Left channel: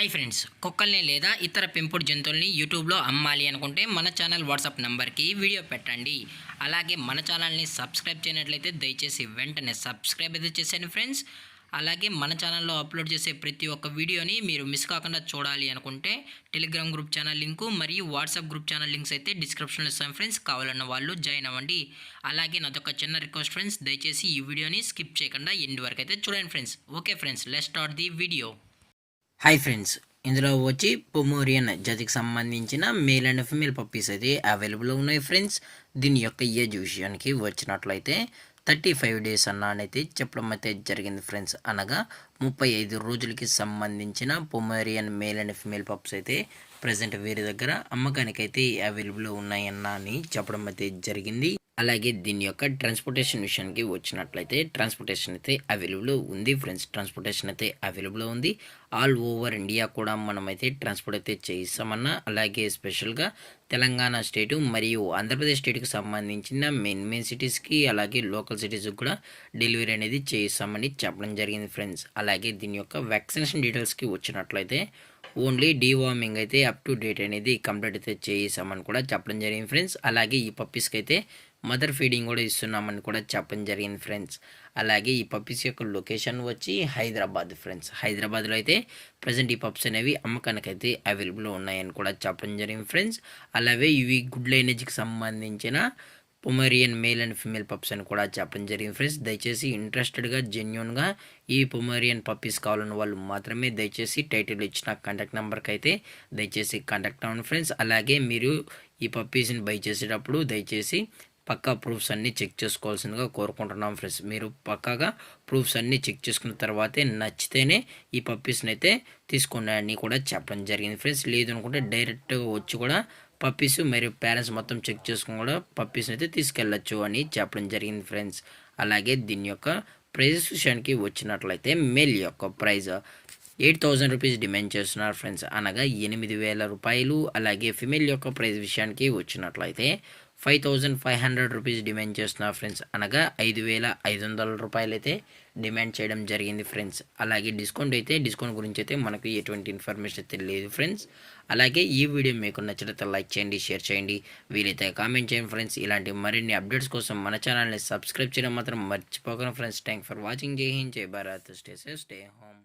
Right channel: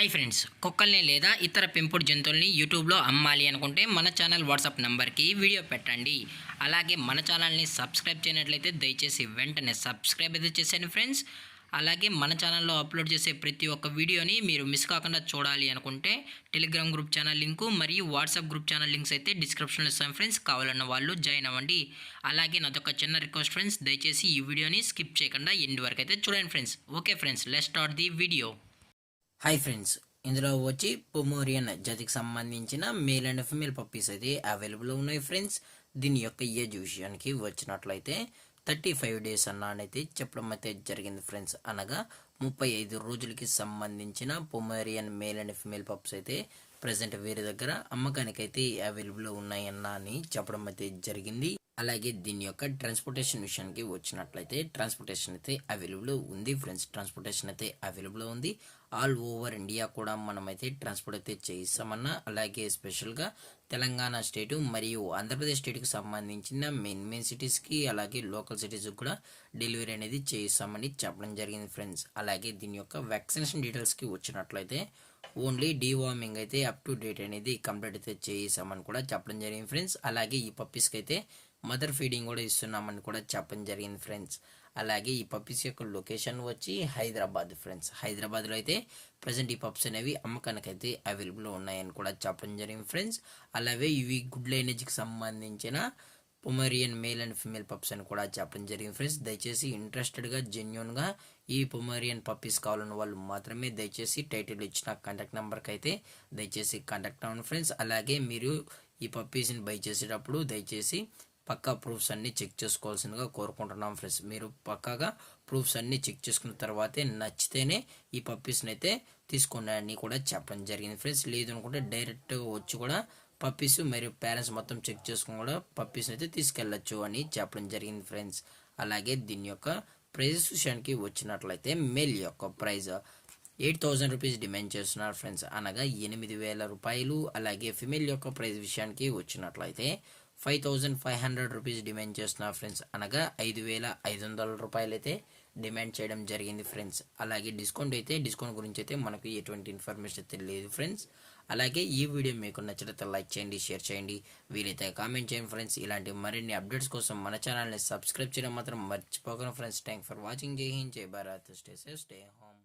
Hi friends, కుక్కల్ని లేదా ఇతర పెంపుడు జంతువుల్ని యూట్యూబ్లో అమ్మాలి అనుకుంటే మన ఛానల్ వాట్సాప్ నెంబర్కి వీడియో పెట్టండి. అలాగే మన ఛానల్ని సబ్స్క్రైబ్ చేయనట్లయితే దయచేసి వెంటనే సబ్స్క్రైబ్ అయితే చేసేయండి ఫ్రెండ్స్. అలాగే మన ఛానల్లో అప్లోడ్ చేసే ప్రతి ఒక్క వీడియోని మీరు మిస్ కాకుండా చూడాలి అనుకుంటే టెలిగ్రామ్ గ్రూప్ ఛానల్ లింకు మరియు వాట్సాప్ గ్రూప్ ఛానల్ లింక్స్ అయితే డిస్క్రిప్షన్లో ఇస్తాను ఫ్రెండ్స్. కావాలన్న వాళ్ళు జాయిన్ అవ్వండి. అలాగే నాదొక చిన్న రిక్వెస్ట్ ఫ్రెండ్స్, దయచేసి ఈ వీడియోని స్కిప్ చేయకుండా ఎండ్ వరకు అయితే చూడండి friends. Okay friends, let's start the video. Hi friends, ఇందులో వచ్చి పొమోరియన్ జాతికి సంబంధించిన మేల్ అండ్ ఫీమేల్ పప్పీస్ అయితే అవైలబుల్ ఉన్నాయి ఫ్రెండ్స్. దీని యొక్క ఏజ్ విషయానికి వచ్చినట్లయితే 35 డేస్ అన్నైతే చెప్పడం అయితే జరిగింది ఫ్రెండ్స్. అనగా 35 రోజులకి సంబంధించిన Pomeranian male and female pups అయితే ప్రజెంట్ వీరి దగ్గర అమ్మకానికి అయితే అవైలబుల్ ఉన్నాయన్న అని చెప్పడం అయితే జరిగింది. అలాగే దీని యొక్క ట్రాన్స్పోర్టేషన్ విషయానికి వచ్చినట్లయితే ట్రాన్స్పోర్టేషన్ అయితే అవైలబుల్ ఉంది ఫ్రెండ్స్. ట్రాన్స్పోర్టేషన్ అయితే అవైలబుల్ ఉంది. ఆల్ ఓవర్ ఇండియా కూడా మనమైతే ట్రాన్స్పోర్ట్ అయితే చేయిస్తామన్నా. అలాగే స్పెషల్గా తెలంగాణ స్టేటు మరియు ఆంధ్రప్రదేశ్ స్టేట్కి సంబంధించిన మెయిన్ సిటీస్కి అలాగే లోకల్ సిటీస్కి కూడా డెలివరీ అనేది చేయిస్తామని చెప్పడం జరిగింది ఫ్రెండ్స్. అలాగే దీని యొక్క వ్యాక్సినేషన్ డీటెయిల్స్కి వచ్చినట్లయితే ఓన్లీ డీవార్మింగ్ అయితే అప్ టు డేట్ అనేది కంప్లీట్ అయితే చేయిస్తామని కూడా చెప్పడం జరిగింది ఫ్రెండ్స్. అలాగే ఈ పప్పీస్కి అయితే మదర్ ఫీడింగ్ కూడా ఇస్తున్నామని కూడా చెప్పడం జరిగింది ఫ్రెండ్స్. అలాగే ఈ పప్పీస్ యొక్క లొకేషన్ వచ్చి హైదరాబాద్ ఫ్రెండ్స్. హైదరాబాద్లో అయితే ప్రజెంట్ ఈ పప్స్ అనేవి అమ్మకానికి అయితే అవైలబుల్ ఉన్నాయని కూడా చెప్పడం జరిగింది ఫ్రెండ్స్. అలాగే ఇవి గుడ్ లైనేజ్కి సంబంధించిన Pomeranian male and female pups అని కూడా చెప్పడం జరిగింది ఫ్రెండ్స్. దయచేసి ఇంట్రెస్టెడ్గా జెన్యున్గా ఈ పొమేరియన్ పప్పీస్ కావాలన్న వాళ్ళు మాత్రమే దయచేసి టైటిల్ ఇచ్చిన కాంటాక్ట్ నెంబర్కి అయితే దయచేసి కాంటాక్ట్ అవ్వండి ఫ్రెండ్స్. అలాగే మీరు ఈ పప్పీస్ని బై చేసేటప్పుడు దయచేసి పక్కా ప్రూఫ్స్ అన్నీ చెక్ చేసుకోవాల్సిందిగా కోరుకుంటున్నాం ఫ్రెండ్స్. మీరు పక్కాగా ప్రూఫ్స్ అన్నీ చెక్ చేసుకున్న తర్వాతే నచ్చితేనే ఈ పప్పీస్ని అయితే తీసుకోండి అని కూడా చెప్పడం జరిగింది ఫ్రెండ్స్. లేదు అనుకుంటే డైరెక్ట్గా వచ్చి కూడా పప్పీస్ మరియు పేరెంట్స్ మొత్తం చెక్ చేసుకుని కూడా పప్పీస్ని అయితే తీసుకెళ్ళచ్చు అని చెప్పడం జరిగింది ఫ్రెండ్స్. అలాగే దీని యొక్క ప్రైజెస్ విషయానికి వచ్చినట్లయితే మేల్ యొక్క ప్రైజ్ 8,000 రూపీస్ డిమాండ్ చేస్తున్నారు ఫ్రెండ్స్, అనగా 8,000 రూపాయలు. అలాగే ఫిమేల్ యొక్క ప్రైజ్ విషయానికి వచ్చినట్లయితే 5,500 రూపీస్ డిమాండ్ చేస్తున్నారు ఫ్రెండ్స్, అనగా 5,500 రూపాయలు అయితే డిమాండ్ చేయడం జరిగింది ఫ్రెండ్స్. అలాగే డిస్కౌంట్ గురించి అయితే మనకు ఎటువంటి ఇన్ఫర్మేషన్ అయితే లేదు ఫ్రెండ్స్. అలాగే ఈ వీడియో మీకు నచ్చినట్లయితే లైక్ చేయండి, షేర్ చేయండి, వీలైతే కామెంట్ చేయండి ఫ్రెండ్స్. ఇలాంటి మరిన్ని అప్డేట్స్ కోసం మన ఛానల్ని సబ్స్క్రైబ్ చేయడం మాత్రం మర్చిపోకండి ఫ్రెండ్స్. Thank for watching. జై హింద్, జై Bharat, stay safe, stay home.